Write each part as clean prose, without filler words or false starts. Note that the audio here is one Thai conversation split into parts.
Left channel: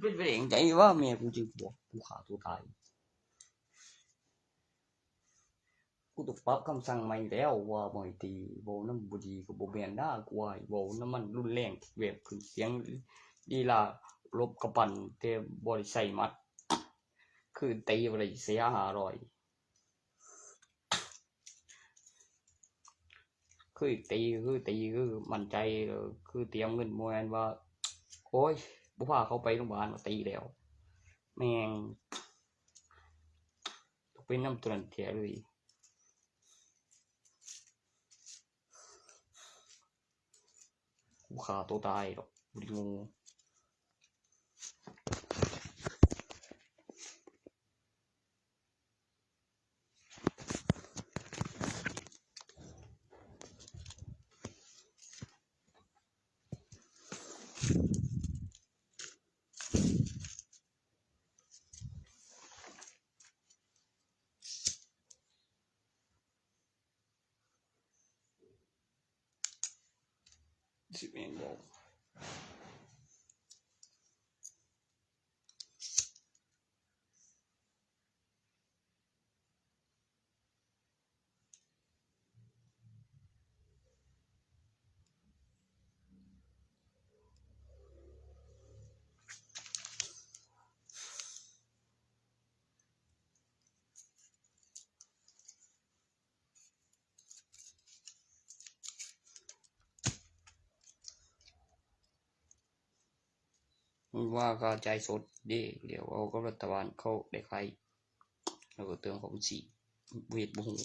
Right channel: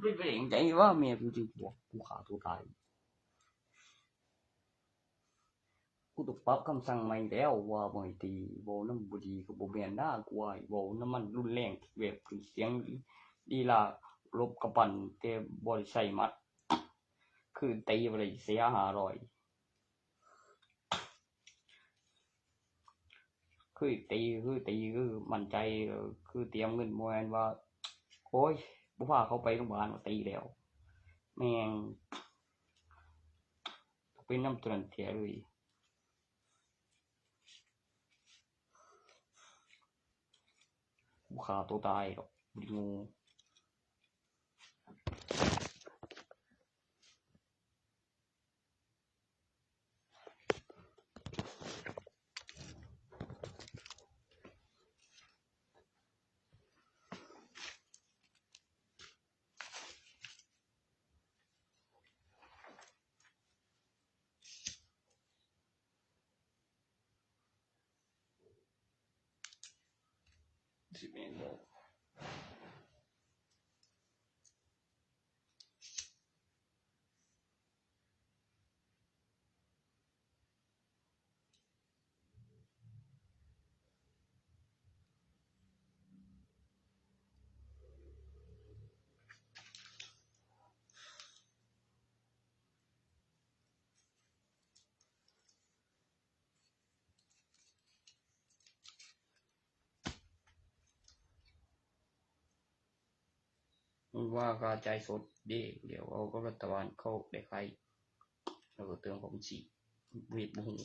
เป็นไปเองใจว่าแม่กูจึงบอกกูฆ่าตัวตายกูต้องปรับคำสั่งใหม่แล้วว่าบ่ให้ตีบ่นำบ่ดีก็บ่แม่นนะกูว่าบ่นำมันรุนแรงแบบเสียงดีล่ะลบกระปั่นแต่บ่ได้ใช้มัดคือตีบ่ได้เสีย500คือตีคือมั่นใจคือเตรียมเงินบ่แม่นว่าโอ๊ยบ่พาเขาไปโรงพยาบาลตีแล้วแม่งเป็นน้ำตัวนั้นแท้เลยกูฆ่าตัวตายดอกบ่งูสิแม่นบ่ว่าก็ใจสดเด้เดี๋ยวเอากับรัฐบาลเขาได้ใครแล้วก็เตือนของสิเวทบ่ฮู้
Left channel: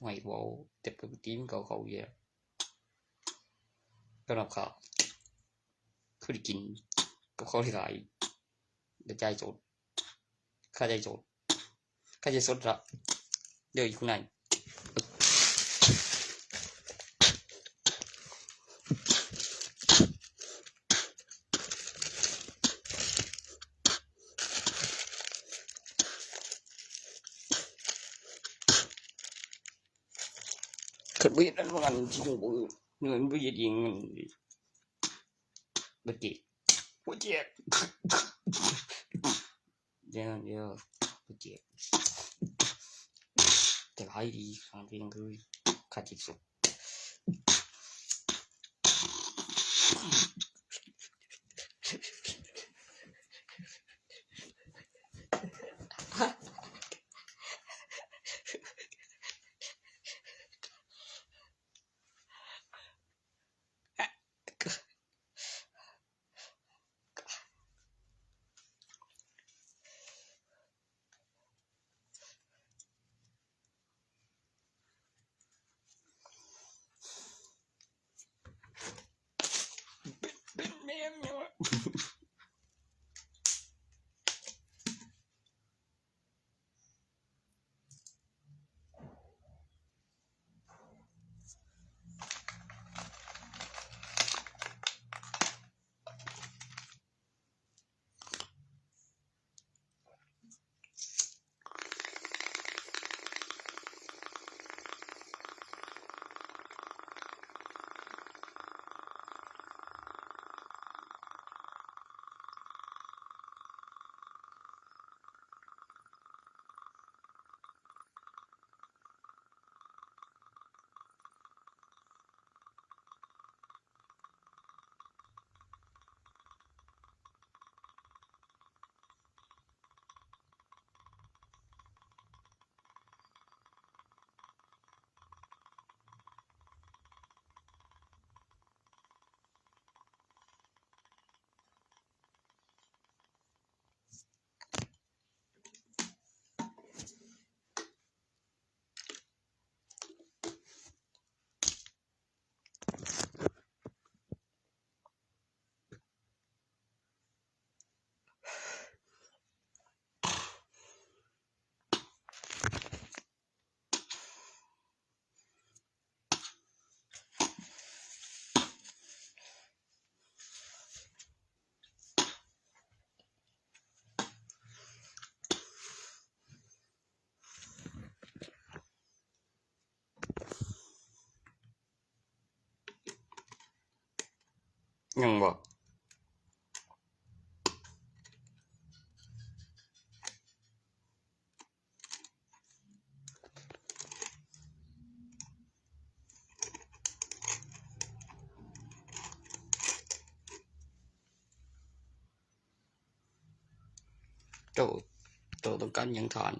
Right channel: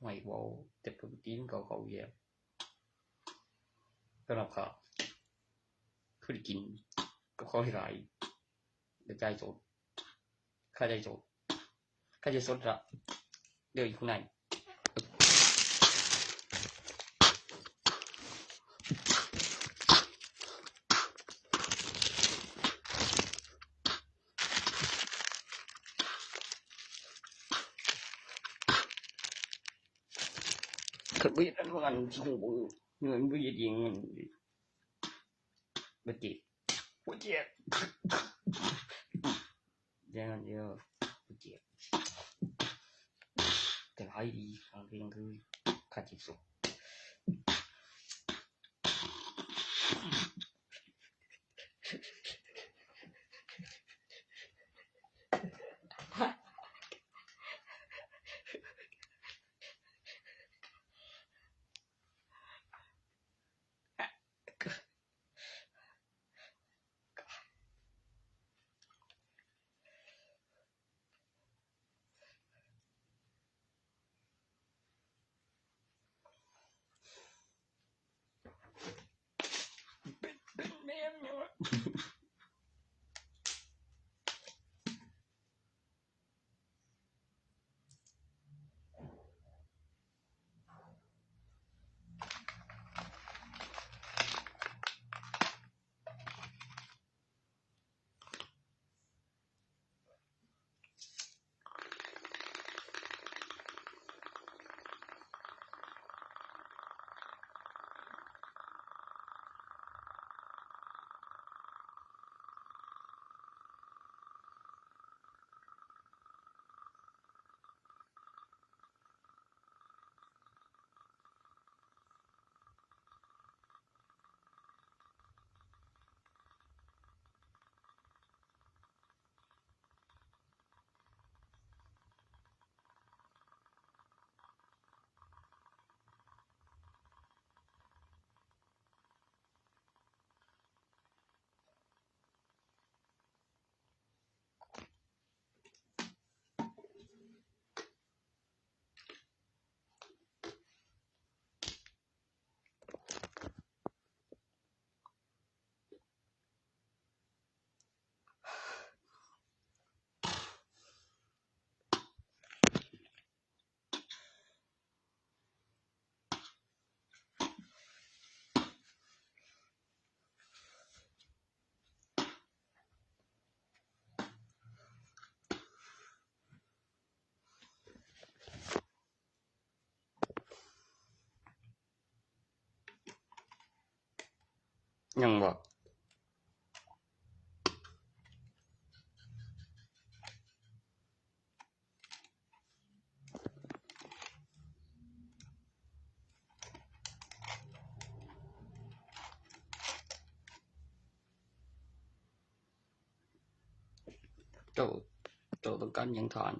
ให้เว้าแต่ปกติมันก็เขาแย่ก็นำข้าวคือได้กินกับเขาหลายได้ใจสดค่าใจสดค่าใจสดละเดี๋ยวอยู่ข้างในถ้าเบียดอันนั้นที่คงบ่เงินบ่เฮ็ดเองบ่เจ็บบ่เจ็บเดี๋ยวบ่เจ็บแต่ให้ดีฟังเพลงคือค่าใจสดเป็นแม่นเนาะยังบ่ เจ้าต้องการหยังทาน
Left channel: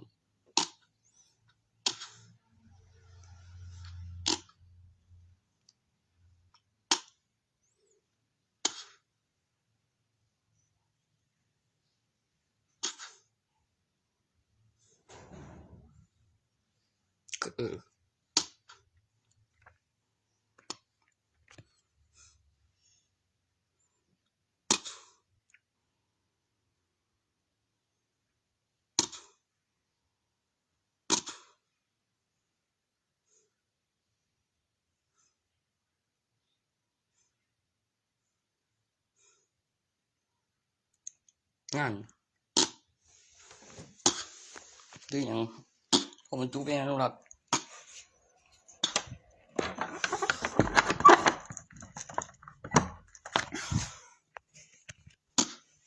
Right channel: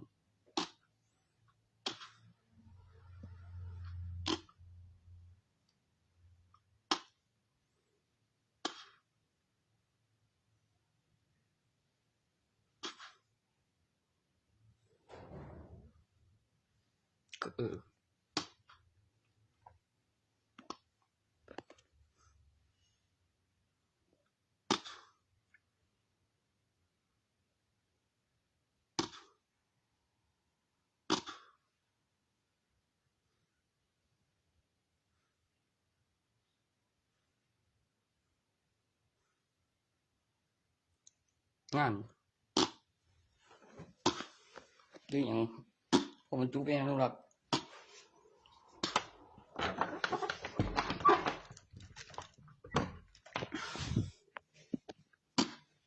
ก็งานหรือหยังเอามันจูไปนะลูกหลัก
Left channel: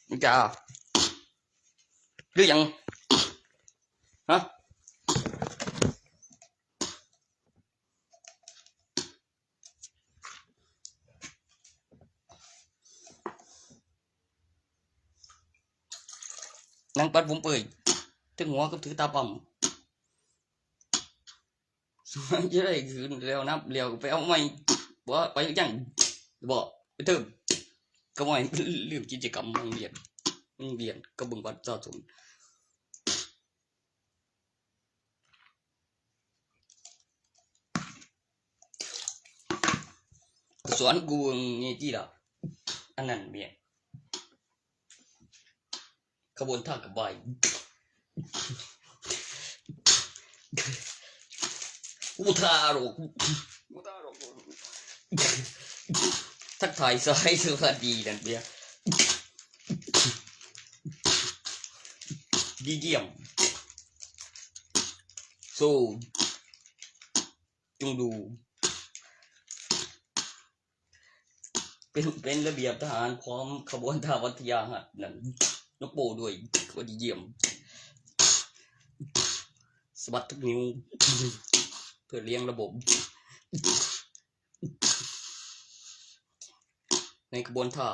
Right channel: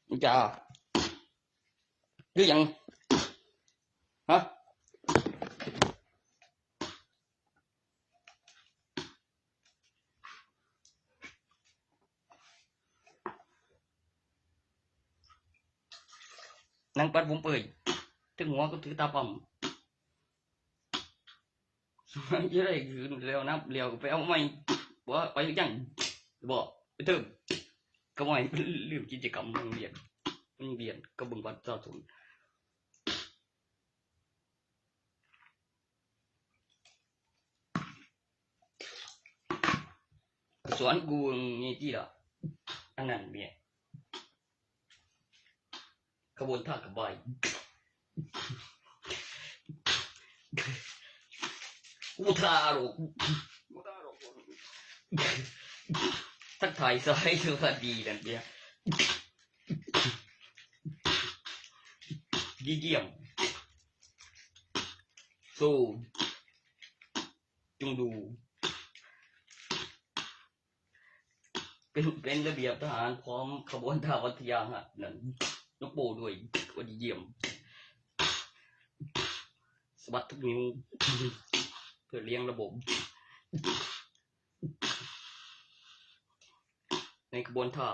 มึงจะหรือหยังฮะนางปัดผมเปิดถึงหัวก็ถือตาปั๊มจะได้คืนเร็วนับเร็วไปเอาไม่ว่าไปยังบอกไปเติมก็ไม่ลืมกิจกรรมโรงเรียนก็บึงบัดจ่อจุนสวนกูนี่จีละอันนั้นเบียขบวนท่ากับใบอุทาโรกทักทายสายสวัสดีนั่นเบียดีเยี่ยมสู้จงดูเป็นระเบียบทหารพร้อมขบวนท่าวัทยาหัดนั่นนกโปด้วยก็ดีเยี่ยมสะบัดทุกนิ้วเพื่อเลี้ยงระบบในขบวนท่า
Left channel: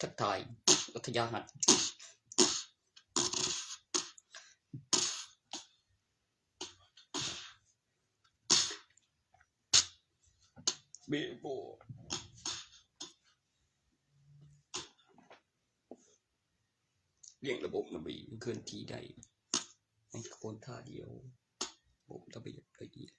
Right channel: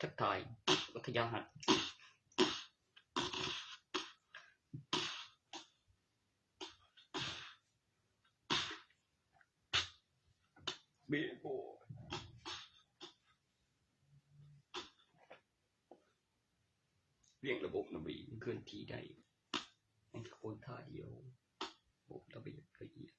ทักทายวัทยาหัดเบโบเลี้ยงระบบระเบียบเคลื่อนที่ได้ในขบวนท่าเดียวระบบระเบียบละเอียด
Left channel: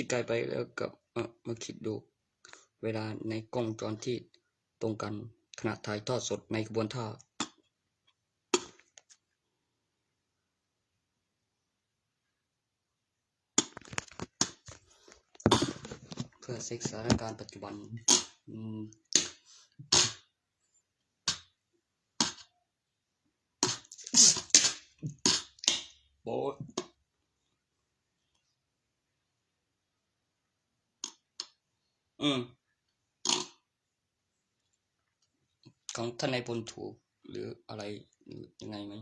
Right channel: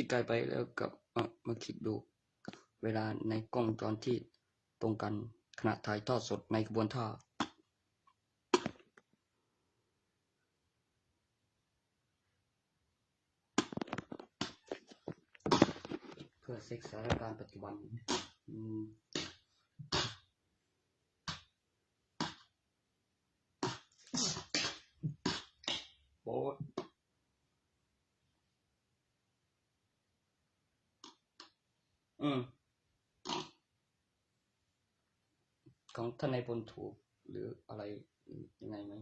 คิดไกลไปแล้วกับมาคิดดูเวลาในกล้องจอที่ตรงกันขณะถ่ายทอดสดในขบวนท่าเพื่อเซ็กสถานการณ์ปัจจุบันโบของท่านนายพลถูกหรืออะไรยังไงไหม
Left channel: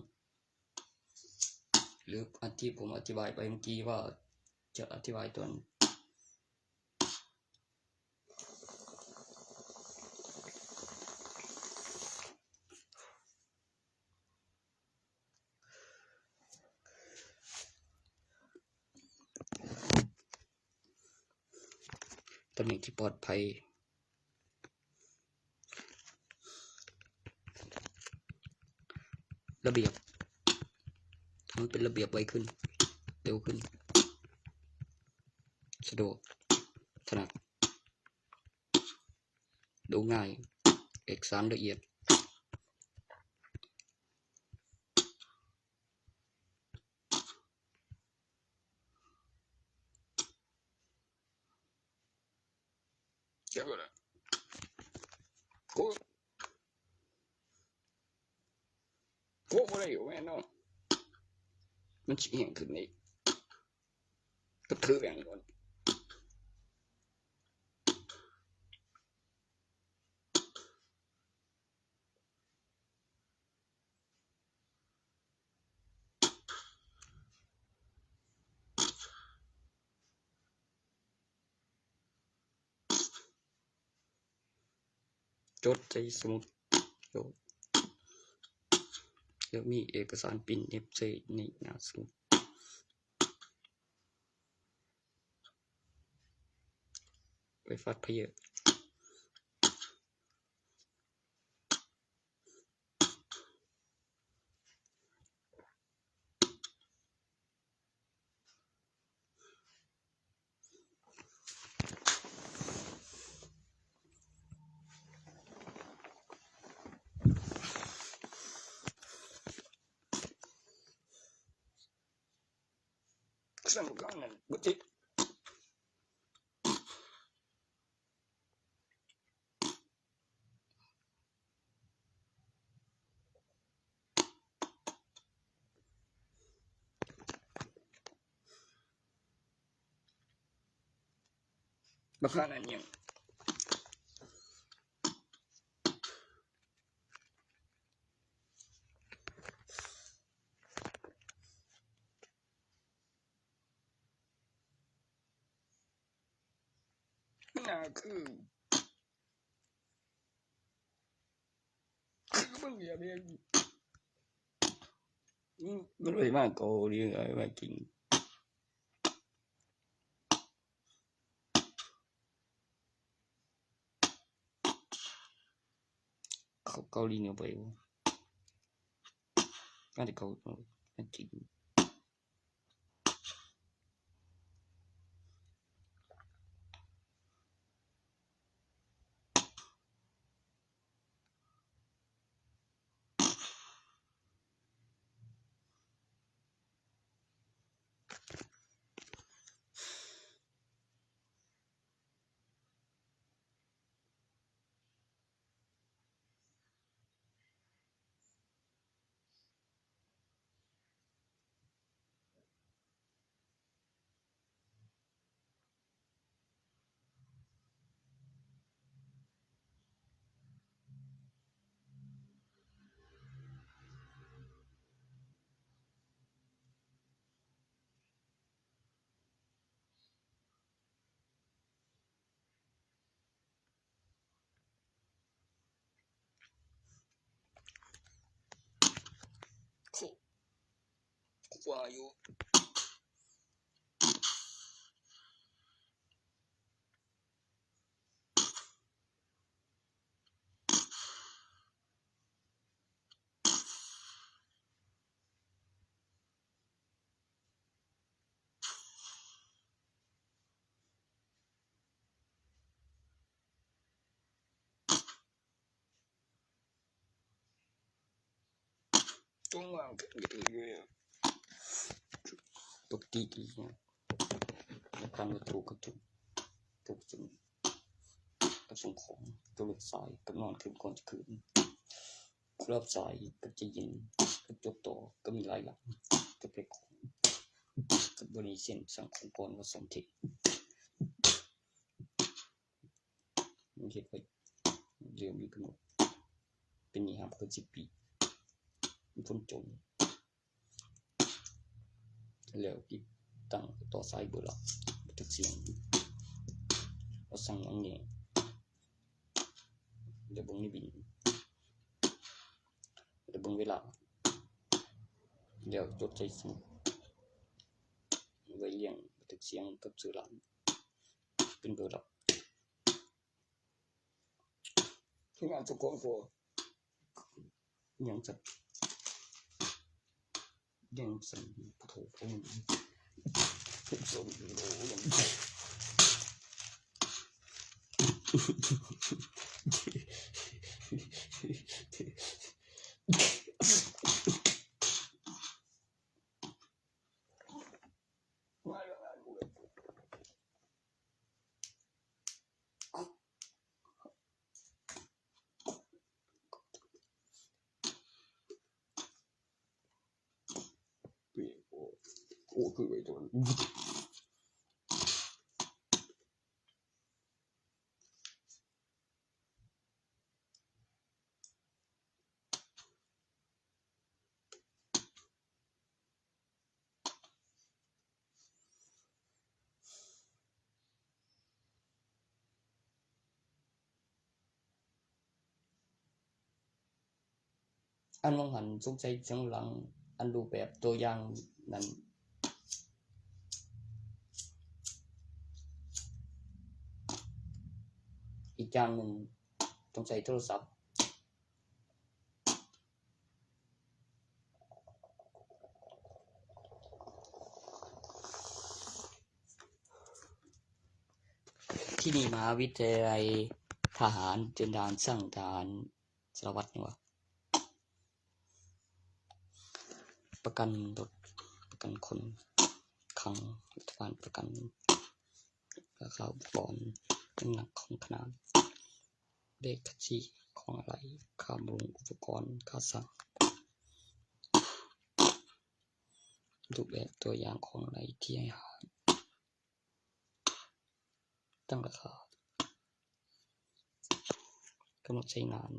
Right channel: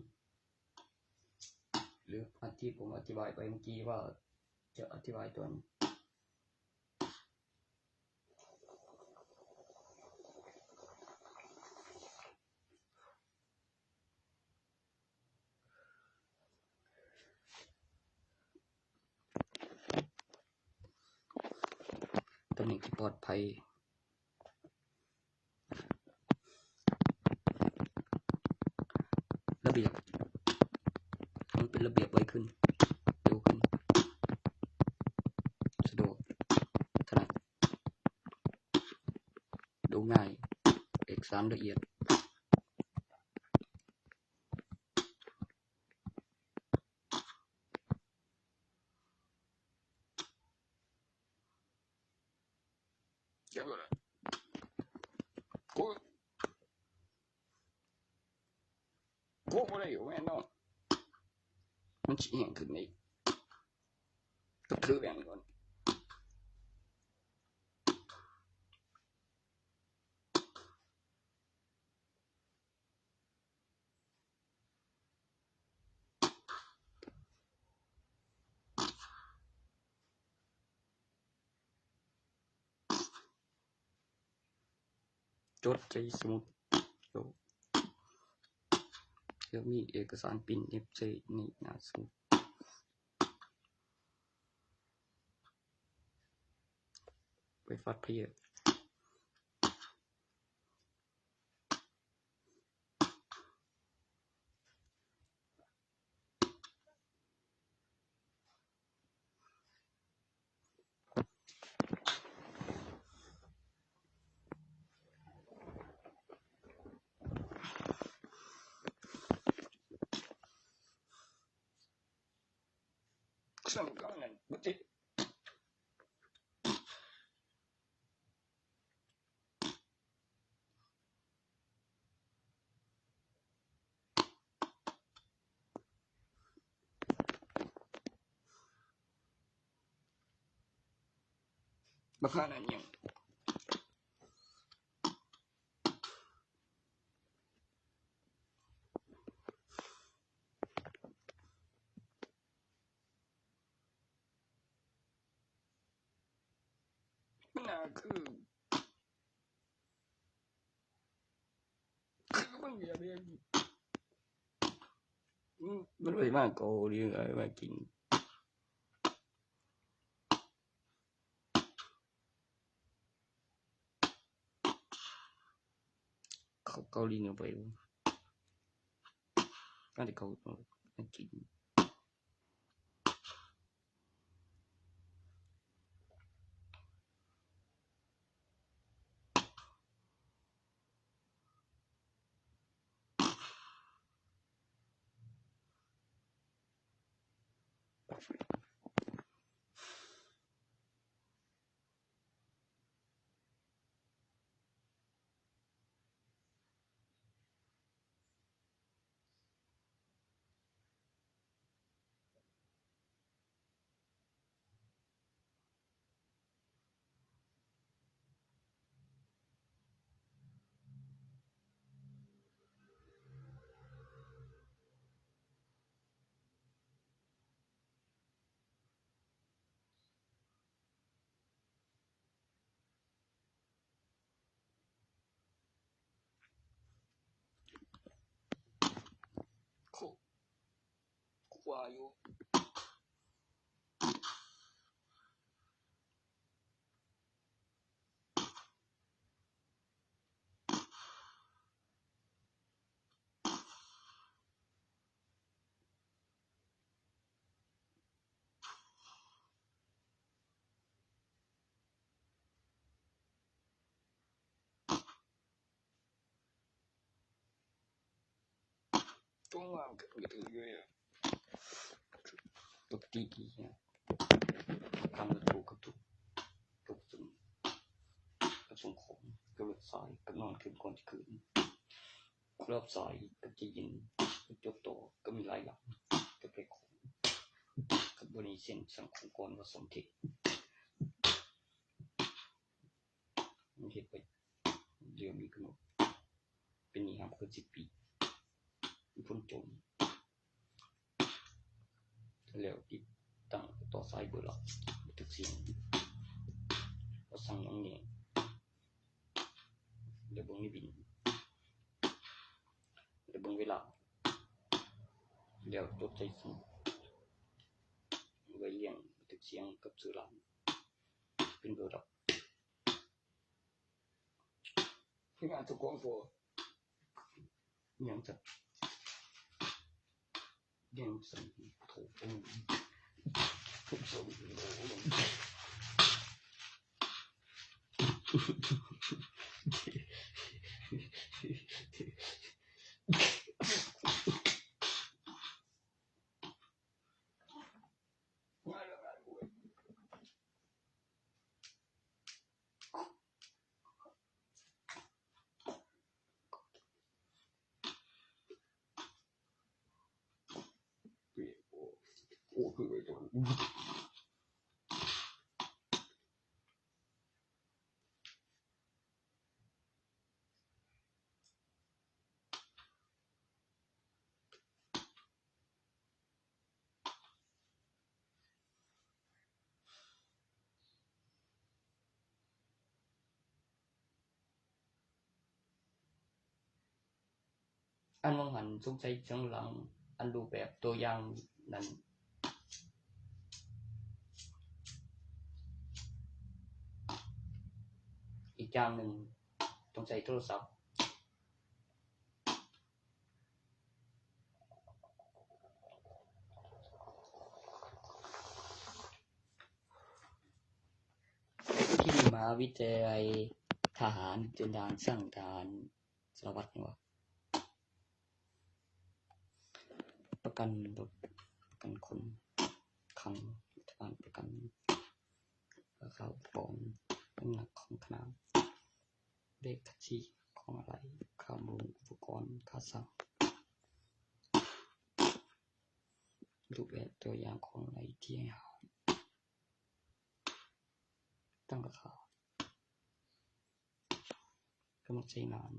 หรืออันที่ผมอธิบายไปเมื่อกี้ว่าจะอธิบายตัวตำแหน่งที่ปลอดภัยระเบียบมันเป็นระเบียบไว้ขึ้นเร็วขึ้นสะดวกถนัดดูง่ายเอกสารละเอียดเจ้าละกูไม่ได้อยู่แม่น้องมันเฉียงขึ้นนี่ก็ถือแบ่งก่อน จดใส่สมุดโยแล้วมีเอกสารปริ้นเอฟใส่ในหน้าสมุดไปฟัดเพยสำคัญนั้นบ่ติบ่คันนั้นยังคือมึงอย่าเรียนมันไปมากโกเรื่องอะไรมากินเขาเกาหลีเนี่ยไปก็ได้เขามากินว่าอยู่ต้องวางกันอยู่ปกติดีทำถูกกับถูกสิ่งกับส่งของตัวเลือกสายกับนอนคืนก่อนจะคืนรอบสายกับจะยินกับจบต่อก็มีหลายอย่างกับเพลงของกับบริเส้นสังคมก่อนว่าสมเทศมันเหตุไปเรื่องมีกำหนดเป็นนิหามเกิน10 ปีเป็นคนจนแล้วติดตั้งต่อสายเบอร์หลักบันทึกเสียงว่าสั่งอย่างนี้เดี๋ยวเบิ่งในบินเดี๋ยวเบิ่งเวลาเดี๋ยวจดใส่สมุดไว้เรียงบันทึกเสียงกับสื่อหลังเป็นเบอร์หลักที่งานทุกคนก็ยังจะยังสั่งผู้โถผมส่งโลลงโอ้คือไอ้ตัว อันวังหันสงสัยเสียงหลังอันรูปแบบตัวอย่างนั้นอีกอย่างหนึ่งต้องใช้โทรศัพท์ที่ดีมหาวิทยาลัยทหารเตรียมทหารช่างทหารสารวัตรนี่วะประกันรถประกันคนขังรัฐบาลประกันราคาอุปกรณ์น้ำหนักของขนาดเลขบัญชีของอะไรค่าบำรุงอุปกรณ์ค่าสั่งรูปแบบตัวอย่างของอะไรที่ให้หาตั้งราคากำหนดใช้งาน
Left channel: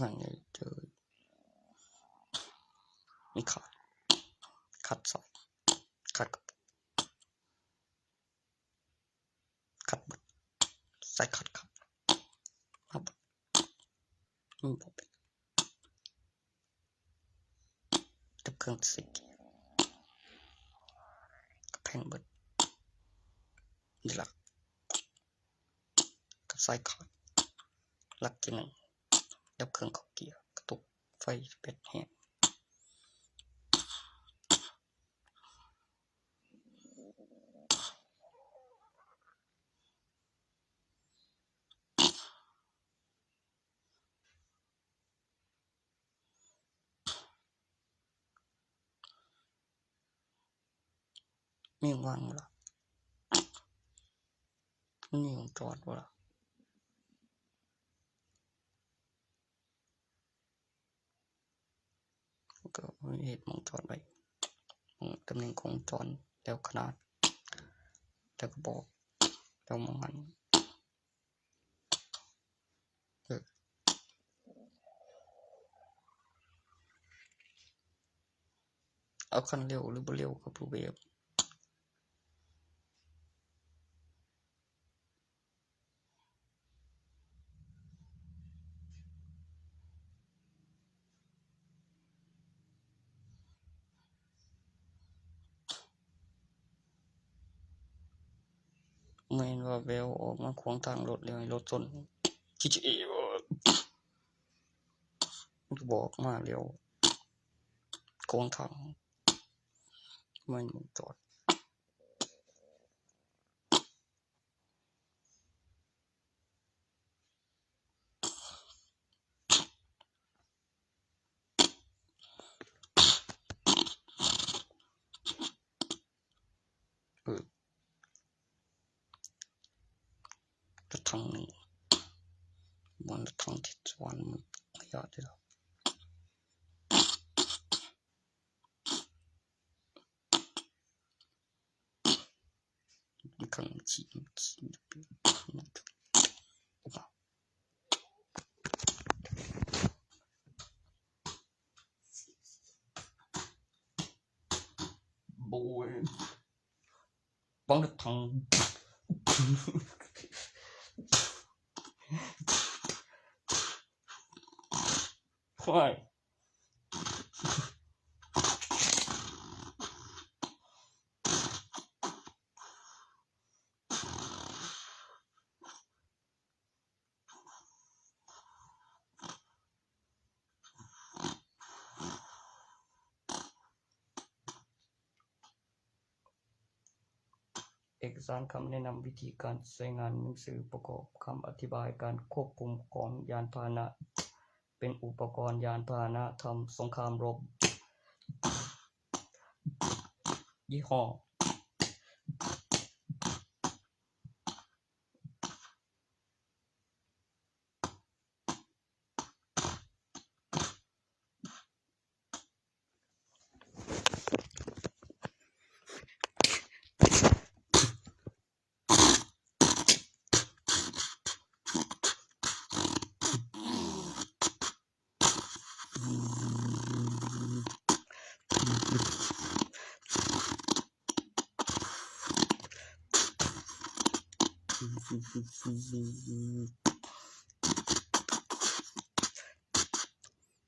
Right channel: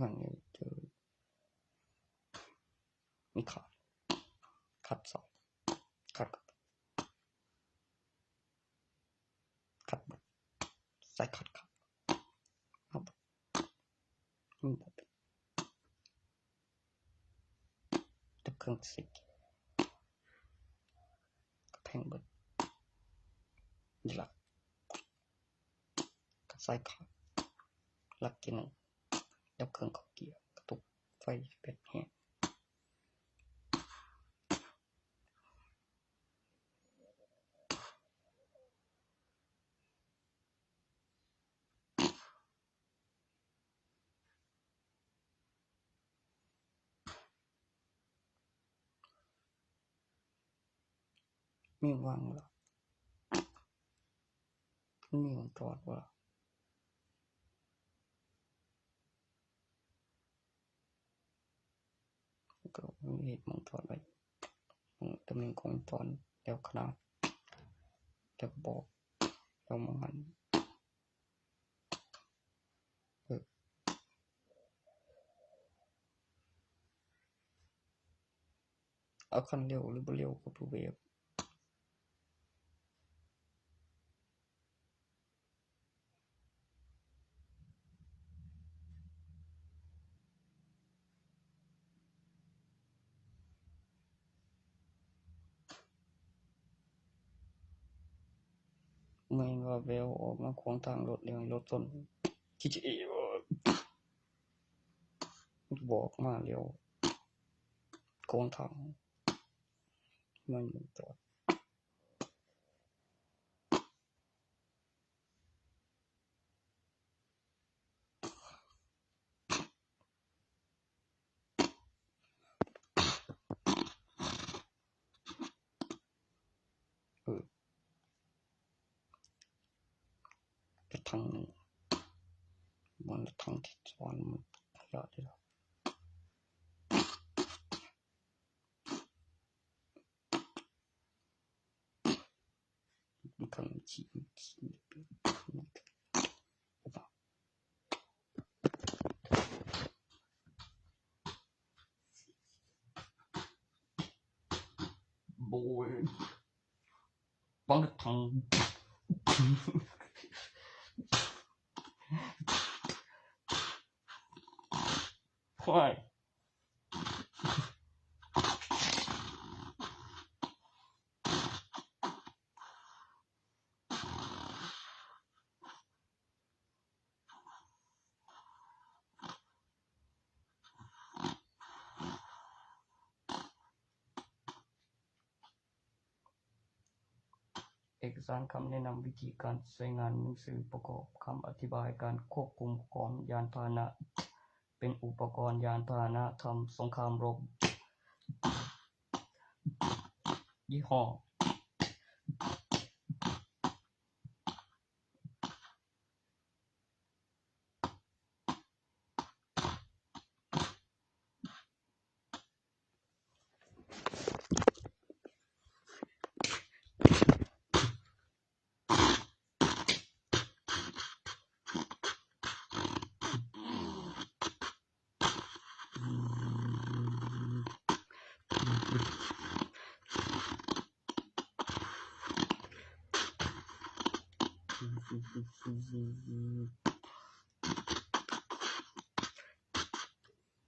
ว่าไงเจอมีขัดสอยขัดบดใส่ขัดครับมาบดมันบดจับเครื่องสิกกับแผ่นบดนี่หลักกับใส่ขัดหลักที่หนึ่งดับเครื่องเข้าเกียร์กระตุกไฟเป็ดแห้งมีวางบ่ล่ะนี่ของจอดบ่ล่ะก็มีเหตุมองจอดไว้ตำแหน่งของจอดแล้วขนาดแล้วก็บอกแล้วมองหันเอาคันเร็วหรือบ่เร็วกับรูปแบบแม่นว่าแววออกมาขวางทางรถแล้วให้รถชนคิดเองมันบอกมาเร็วขวางทางไม่มองจอดรถทางหนึ่งมันรถทางที่สวนมันขยะที่เรามันขังฉีดโบยบางรถทางควายเอกสารคำแนะนำวิธีการใช้งานหนังสือประกอบคำอธิบายการควบคุมของยานพาหนะเป็นอุปกรณ์ยานพาหนะทำสงครามรบ ยี่ห้อ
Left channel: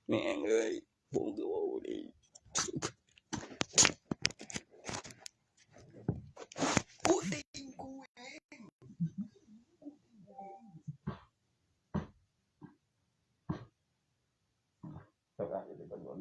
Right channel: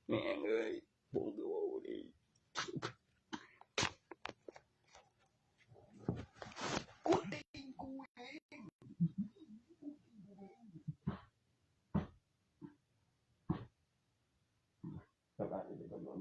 แม่งเอ้ยผมก็ว่าดีกูตีนกูเองสบายเลยตำรวจ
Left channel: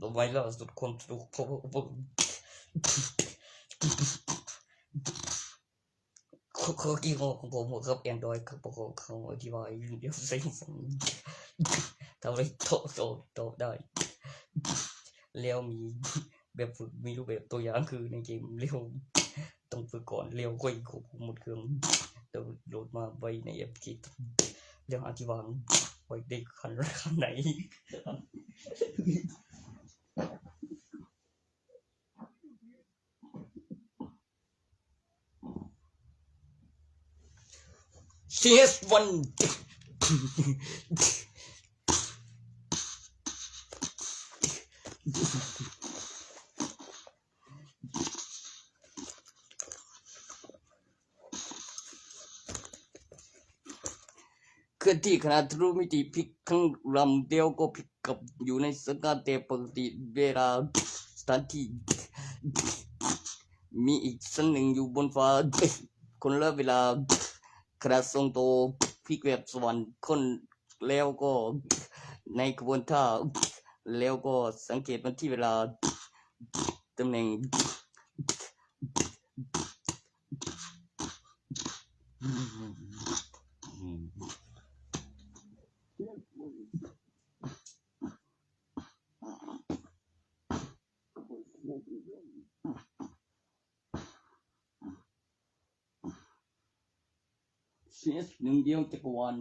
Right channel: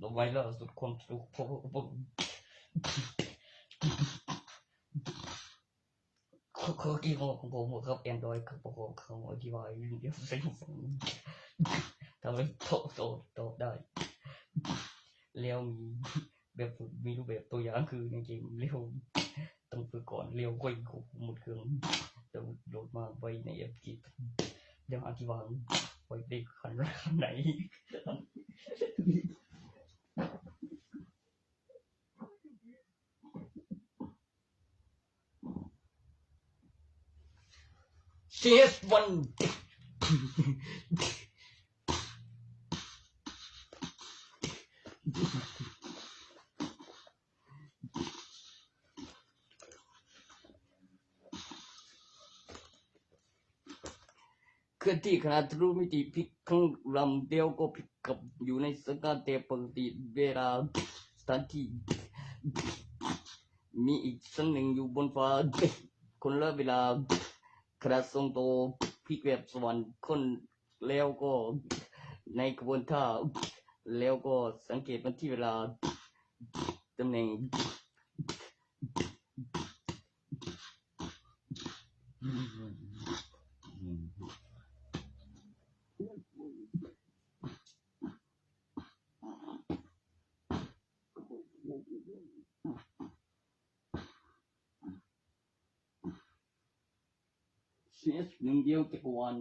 ต่อไปล่าสุดความสุขข้อกี่ของผมครับ Android ครับเขาอธิบายเดี๋ยวใส่ฟังทำให้โตได้แล้วมีแบบฝึกมีรูปแบบตัวอย่างคือในเกมเร็วต้องฝึกก่อนเร็วค่อยควบคุมหมดเครื่องแต่โหลดมาไว้ในแอปคิดยังอธิบายไว้ได้ขนาดไหนCS1 เคลื่อนที่ขณะทะลุมิติพลิกข้างลำเดียวก็พลิกกลับอยู่ในสถานแต่ปกติเวลาสถานที่มีอีกสันหนึ่งอยู่บนฟ้าคนละเวลาขณะทรงโตพลิกแบบสวรรค์คนแล้วก็ในกระบวนท่าแล้วก็สังเกตมันที่เวลาตำแหน่งCS หนึ่งเดียวจักรวาล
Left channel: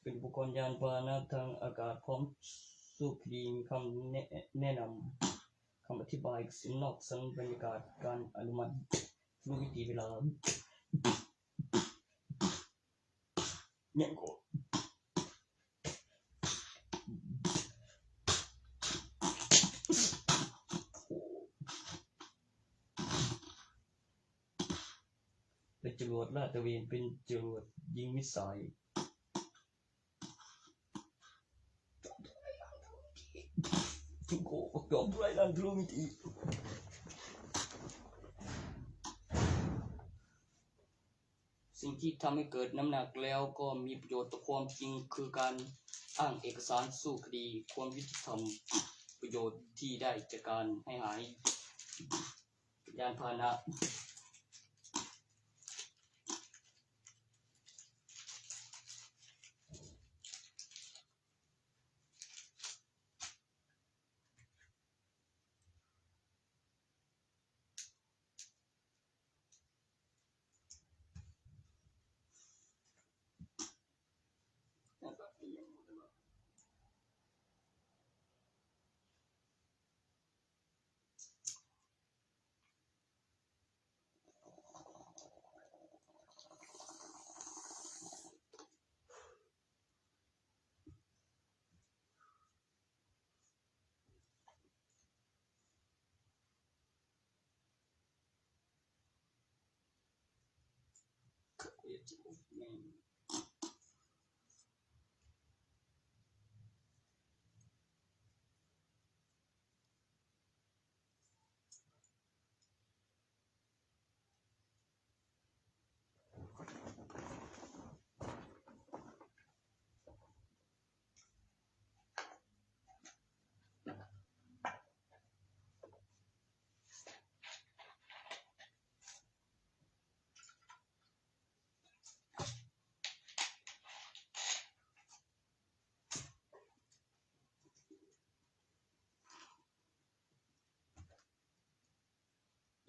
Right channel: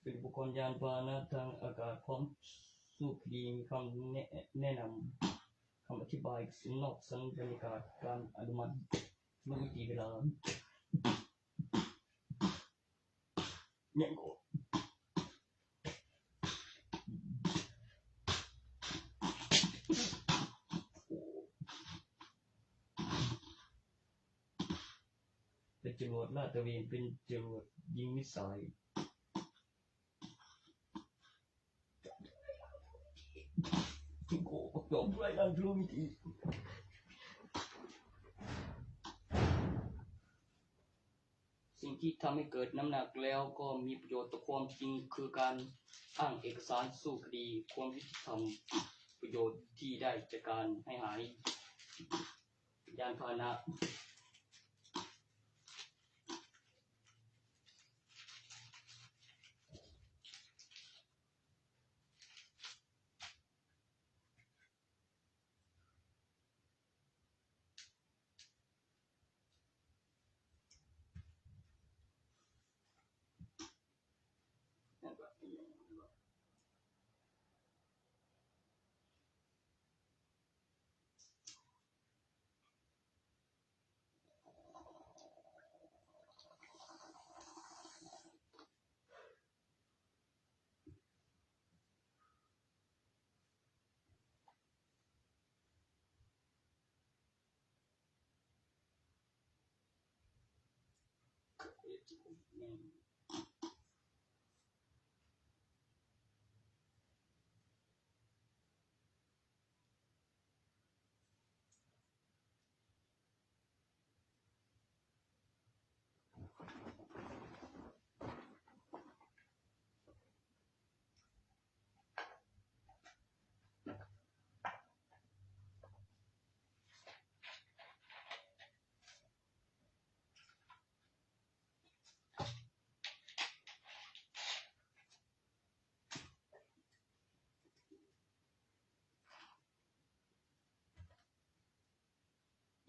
เป็นอุปกรณ์ยานพาหนะทางอากาศพร้อมสู้คดีมีคำแนะนำคำอธิบายนอกสัญบรรยากาศการอนุมัติรู้วิธีเวลาเนี่ยก็เป็นจรวดลาดตระเวนเป็นจรวดยิงมิสไซล์จิงโกยอมไรนั่นรู้วิธีสิ่งที่ทำให้เกิดน้ำหนักแล้วก็มีประโยชน์ต่อความจริงคือการอ้างเอกสารสู้คดีความยุติธรรมประโยชน์ที่ได้จากการให้หายยานพาหนะ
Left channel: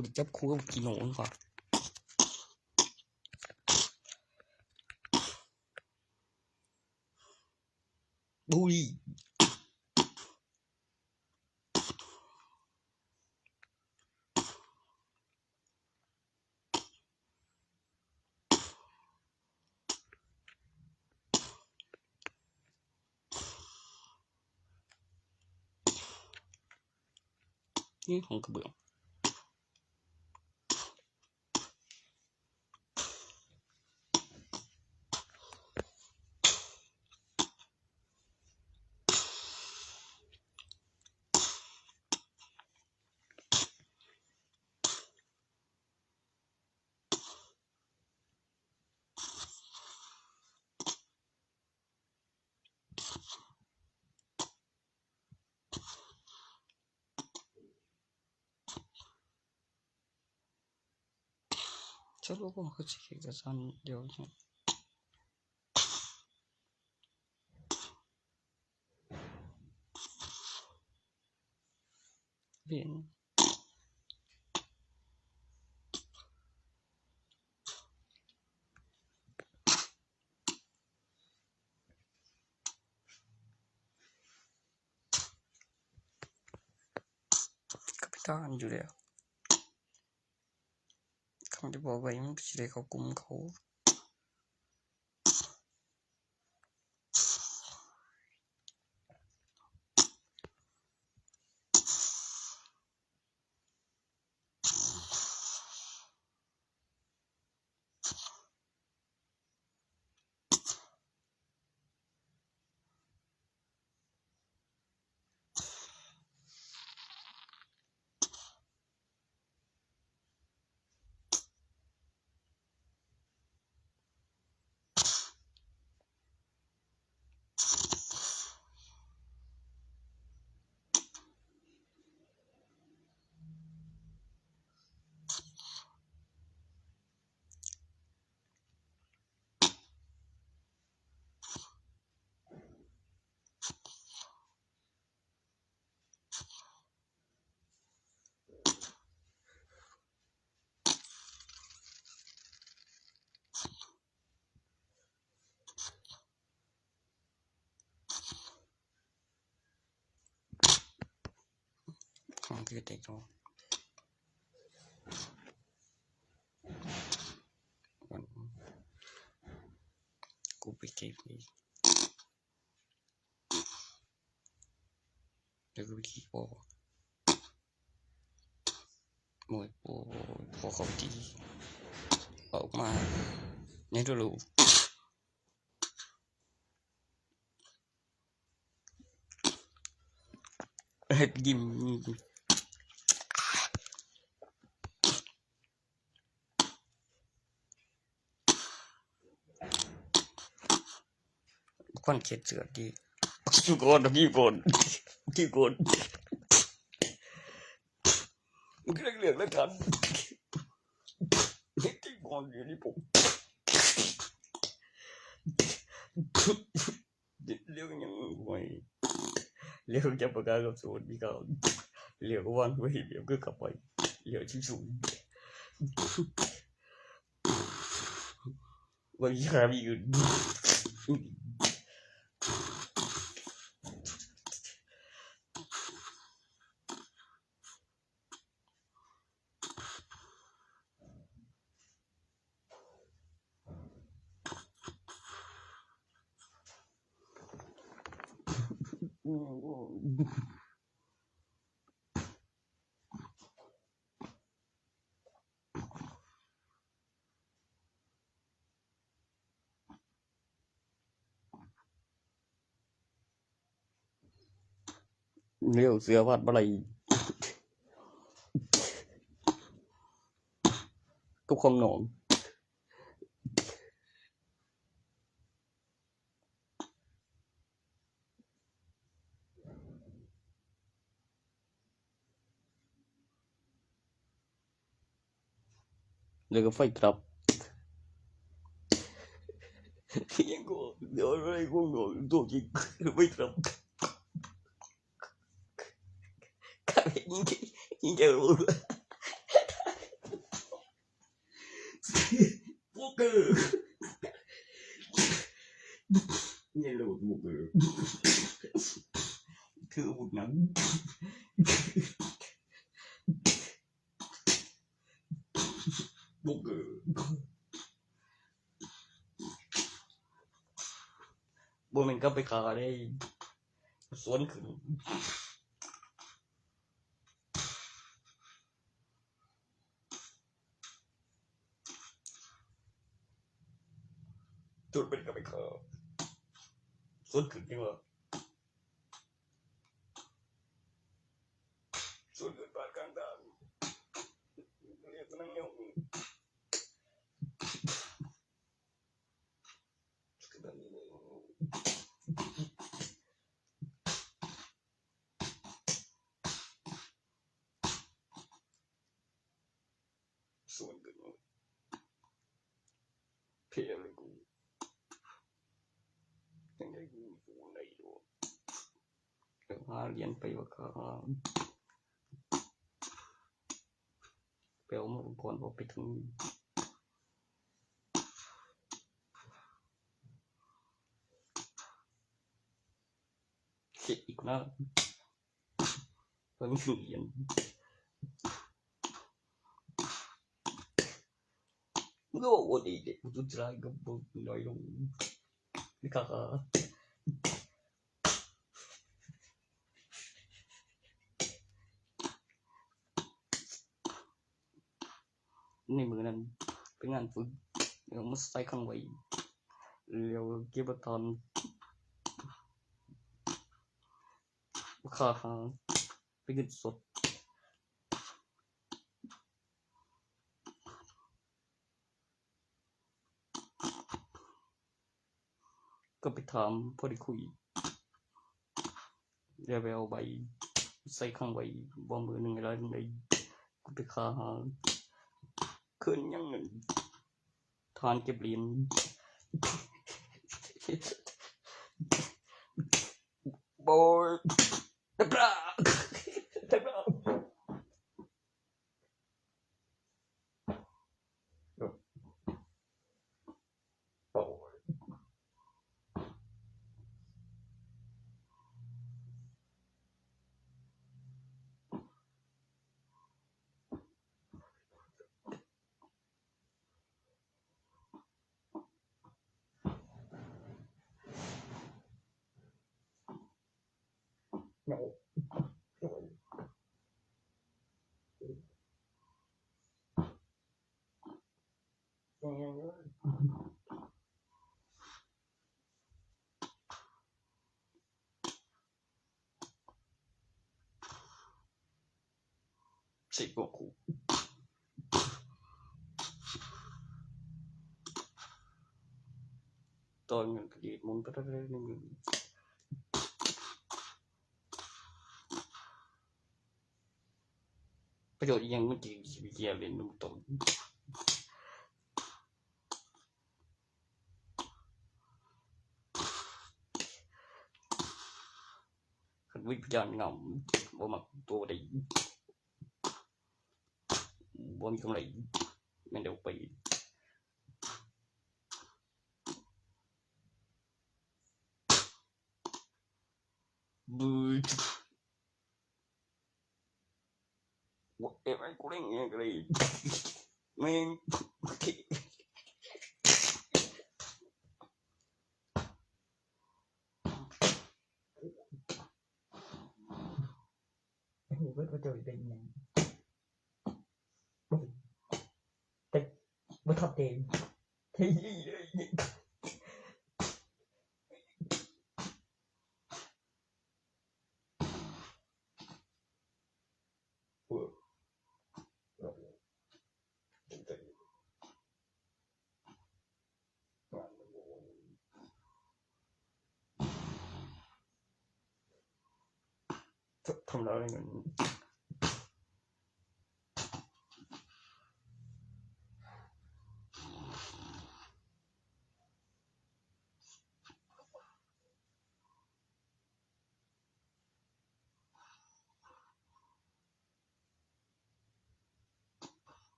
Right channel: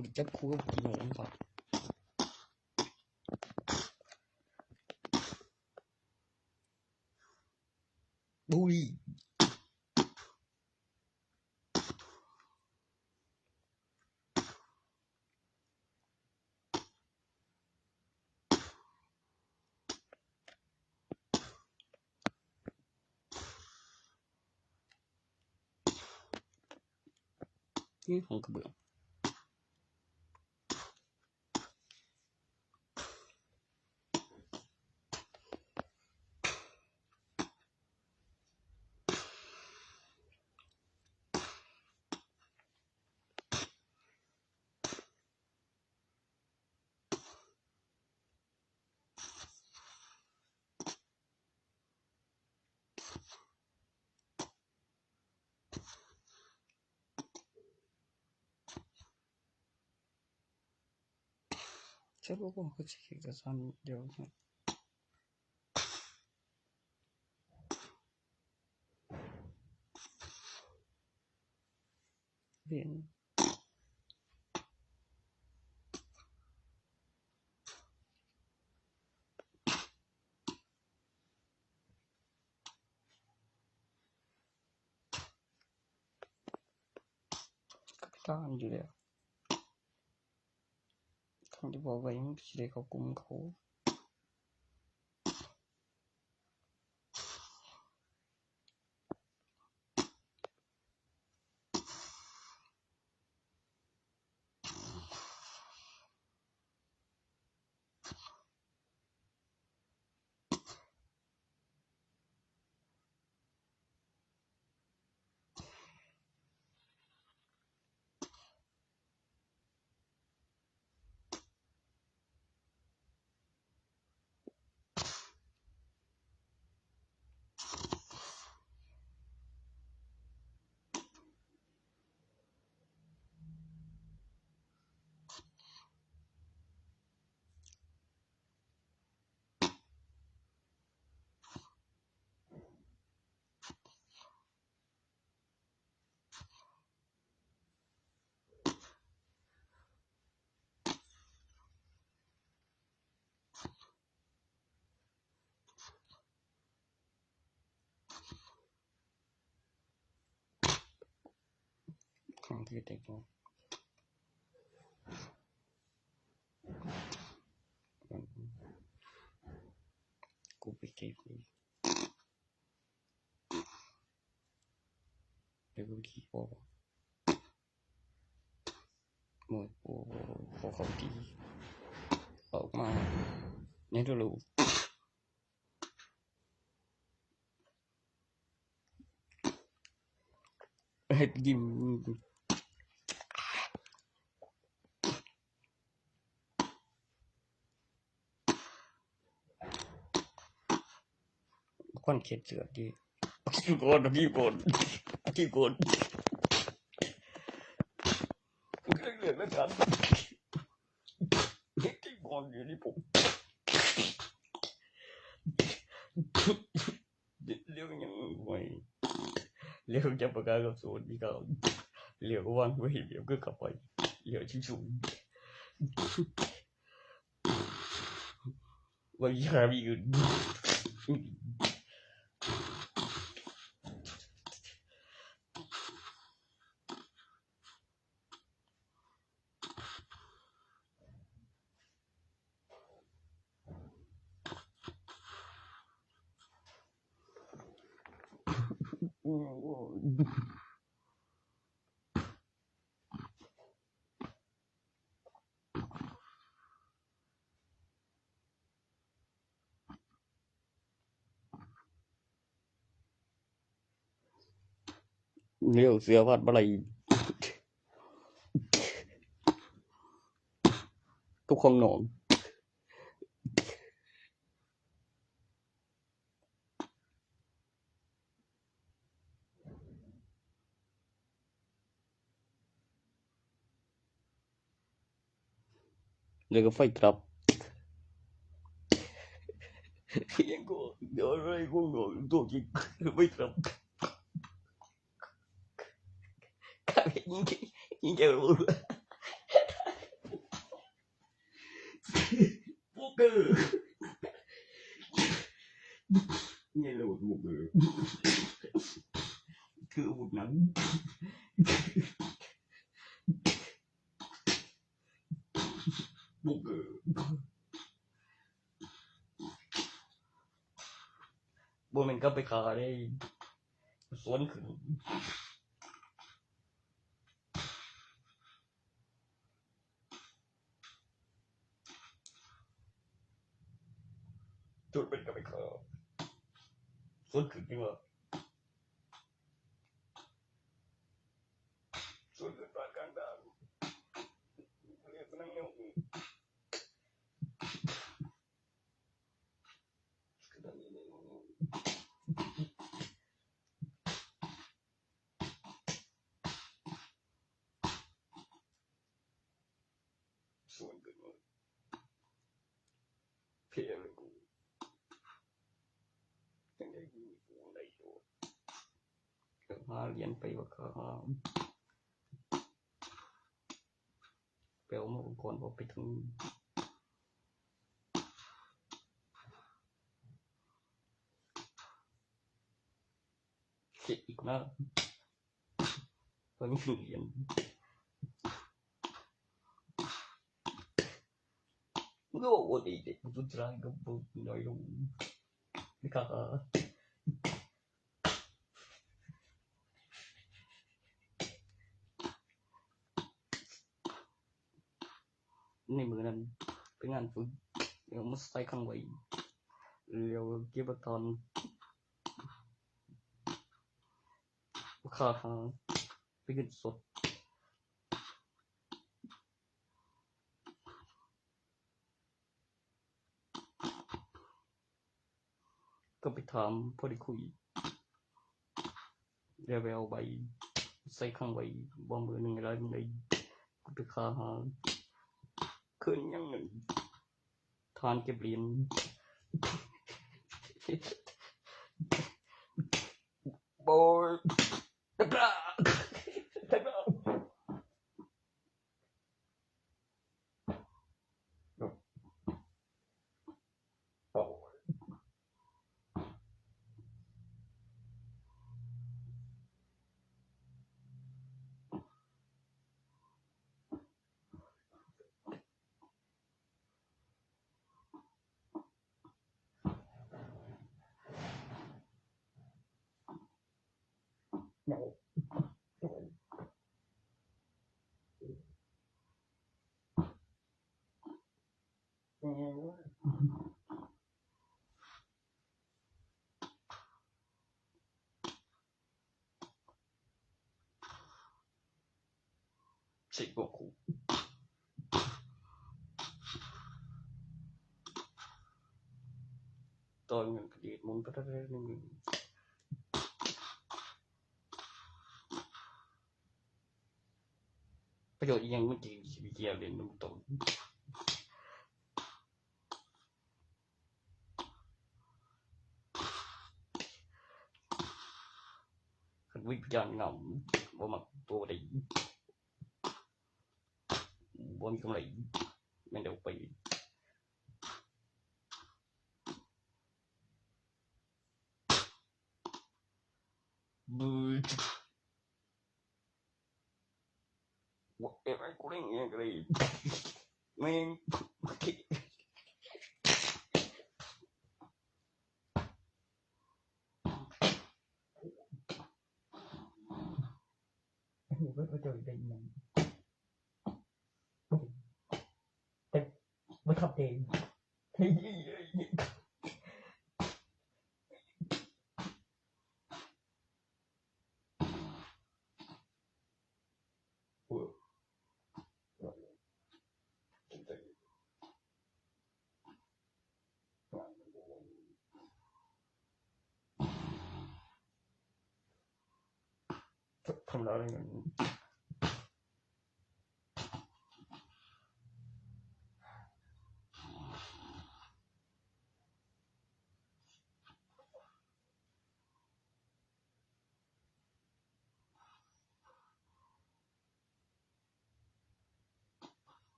ูจับคู่กี่โมงป่ะบุยนี่ของกระเบื้องचलो वो कुछ किसान देव bien kapitan อยู่แล้วคำที่บอกไว้มันสิได้เข้ากลุ่มเขาของที่เด็กเนาะกูไปเก็บนี่แล้วก็ไปขี่บอ โอ้ยพอเขาดีออกมาในตัวรูเฮ็ดยิ้มควันเข็ดเสือดีทุกคนพี่คนที่คนเรื่องแล้วกันที่คนอยู่นี่ผมเรื่องยังไงเรื่องจะประกาศกับสูตรนี่ก็เรื่องวางไว้เดี๋ยวก็กลับไปเรื่องชิวๆวันยามีอื่นเลี้ยวเสือวัดบ่ไหลทุกคนนอนเดี๋ยวก็ไฟกลับยังก็เดี๋ยวอะไรก็งงตัวจริงไม่กลับยิงแกรู้พวกนี่รู้พวกคือพวกนั้นพวกบ่แม่นก็ไปขาได้สวนขึ้นจุดเป็นก็ไปขาสวนขึ้นจริงว่าสวนขึ้นปานกลางทางเรียกนั่งเหี่ยวสวนขึ้นเพลเลยกูยังได้ยินกูในอยู่หาเรียนไปว่าก็ไปเอามาก่อนพอไปถึงเสียอีกนะตอนนี้เรียนมันก็บอกว่าดีเด็กมันจะได้กับบุญน้อยลงนี่ค่ะในมือนั้นเป็นงานฝึกเดี๋ยวมาใส่ข้างไว้เดี๋ยวเก็บตอนค่าทางไปเงินสดก็ไปถามพอได้คุยเดี๋ยวไปเอาใบใส่ข้างไว้บ่มือนึงอะไรนึงได้ก็ไปค่าหาคืนยังทานเก็บเหรียญโบยตะกร้าNo. สิบ่กูตอนเงินกระดีดมุนไปได้นึงประโยชน์อีหยังมันสิเกี่ยวเล่นนำตนคันวิญญาณงำบ่มักตัวใดบ่มีกำไรแม่นเดี๋ยวไปบึwhateverกูเล่นอย่างไรแม่งหูเบิดว่าเจ้าได้อีหยังแต่บ่ทับเองเฮ้ยทำแล้วได้เงิน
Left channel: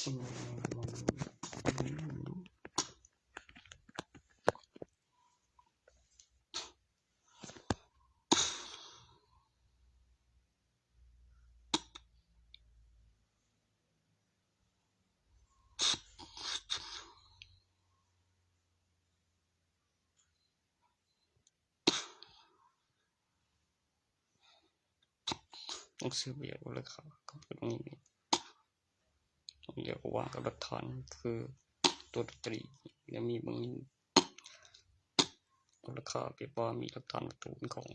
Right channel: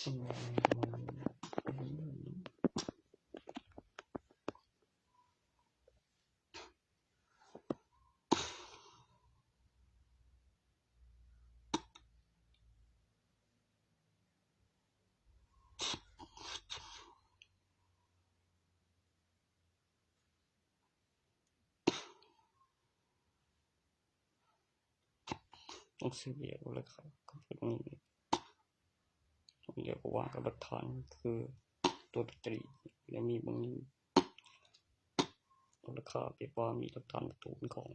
สิ่งใดมันต้องซื้อเบียร์ราคาก็เป็นนี้เรียกว่ากับหลักฐานคือตัวดนตรีและมีบางราคาเปรียบว่ามีหลักฐานวัตถุของ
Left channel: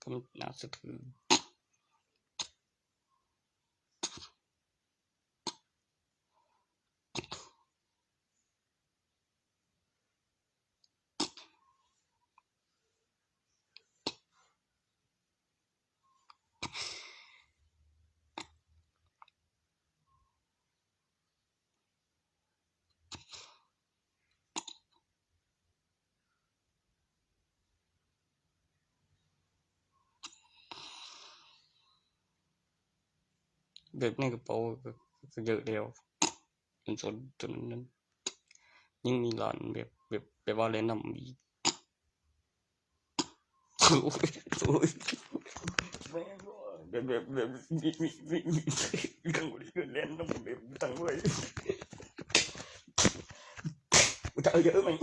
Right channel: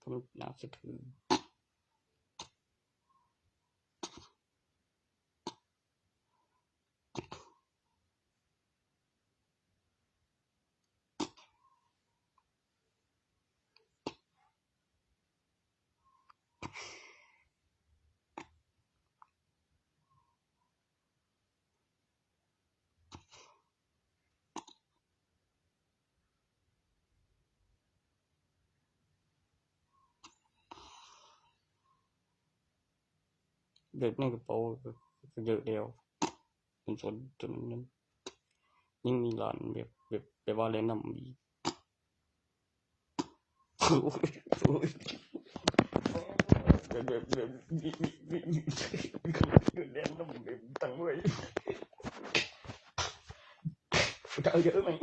ก็น่าเชื่อถือแบบในกระเป๋าก็เยอะแล้วจนนั้นยิ่งมีร้านแบบว่าแนะนำอีกโอ้ยแบบแนะนำแบบตั้งไว้จะเยอะมั้ย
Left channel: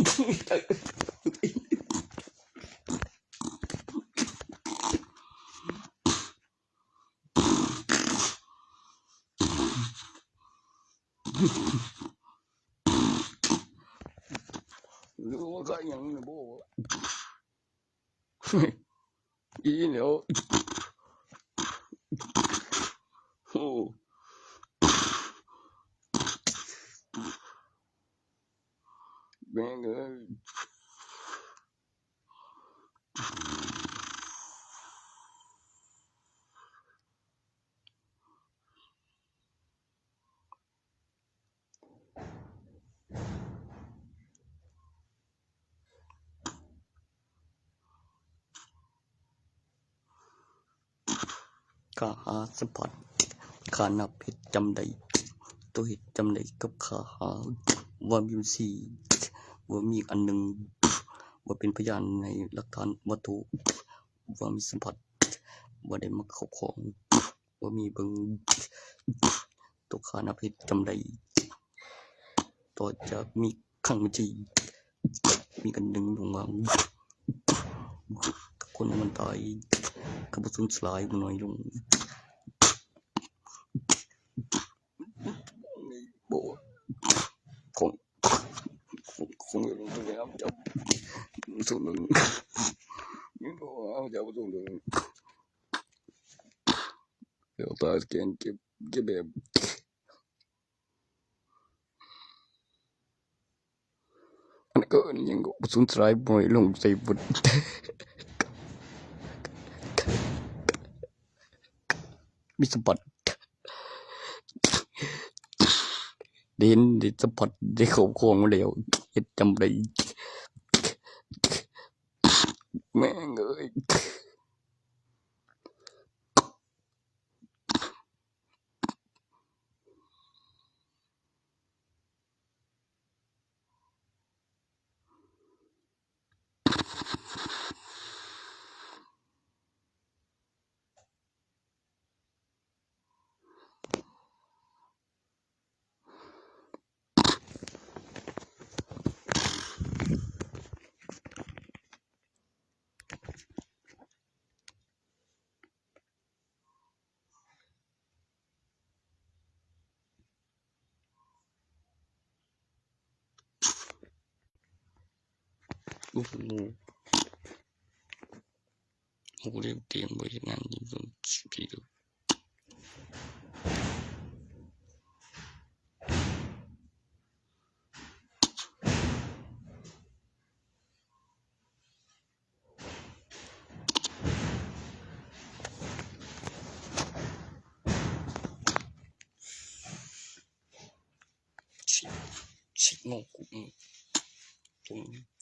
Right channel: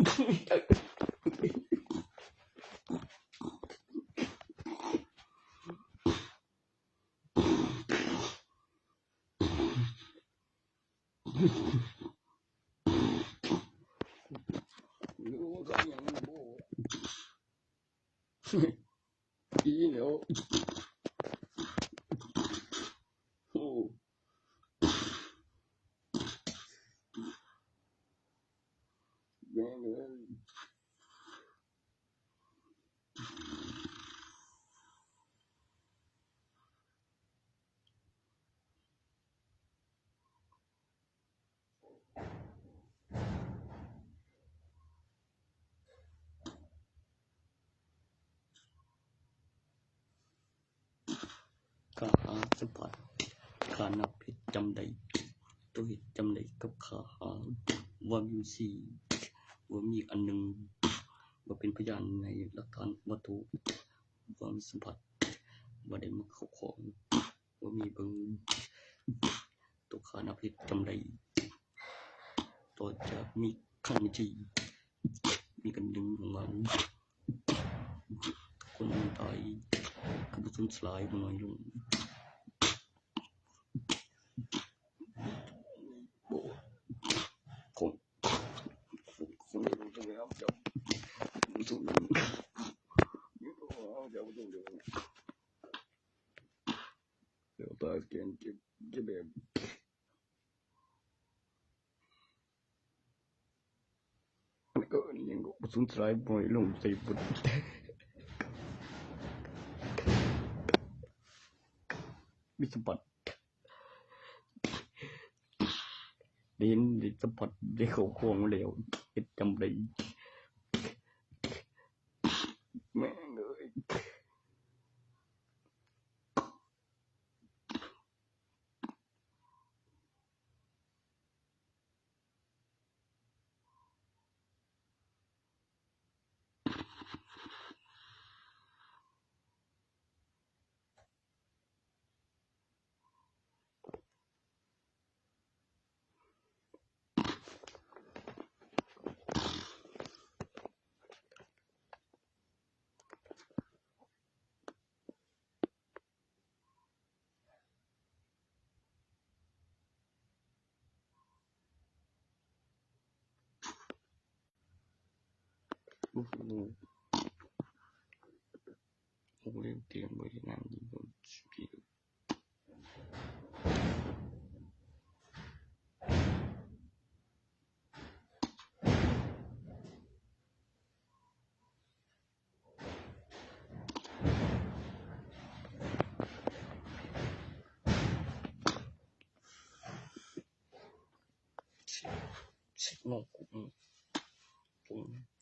รู้ว่าใครยังบ่อีแล้วโอ้แม่งเอ้ย ข้าหาสัมผัสข้านับเฮ็ดจำได้ตัวเฮ็ดจำได้กับข้าหาว่ามีสี่ว่ามีอันหนึ่งว่าเป็นพยานในหลักฐานวัตถุว่ามีสัมผัสว่าได้มาครอบครองว่ามีเบิ่งตัวข้านับเฮ็ดจำได้ต่อจากมีครั้งที่มีกันหนึ่งลงมาคนมันตายกับสูญสลายน้อยลงบ่คงไม่รู้แล้วจับสุดมันนี่บ่เอาจับตรงเดี๋ยวตาแกนเก็บแบบอันก็ยังก็สูญสลายน้อยลงใส่บุดมีสัมผัสเด่นได้สัมผัสได้ครอบครองมาแล้วเฮ็ดจำได้แม่งเอ้ยโอ้โหโอ้เรียกเตรียมไว้งานนี้ก็พี่ดูชิงงกูตรงนี้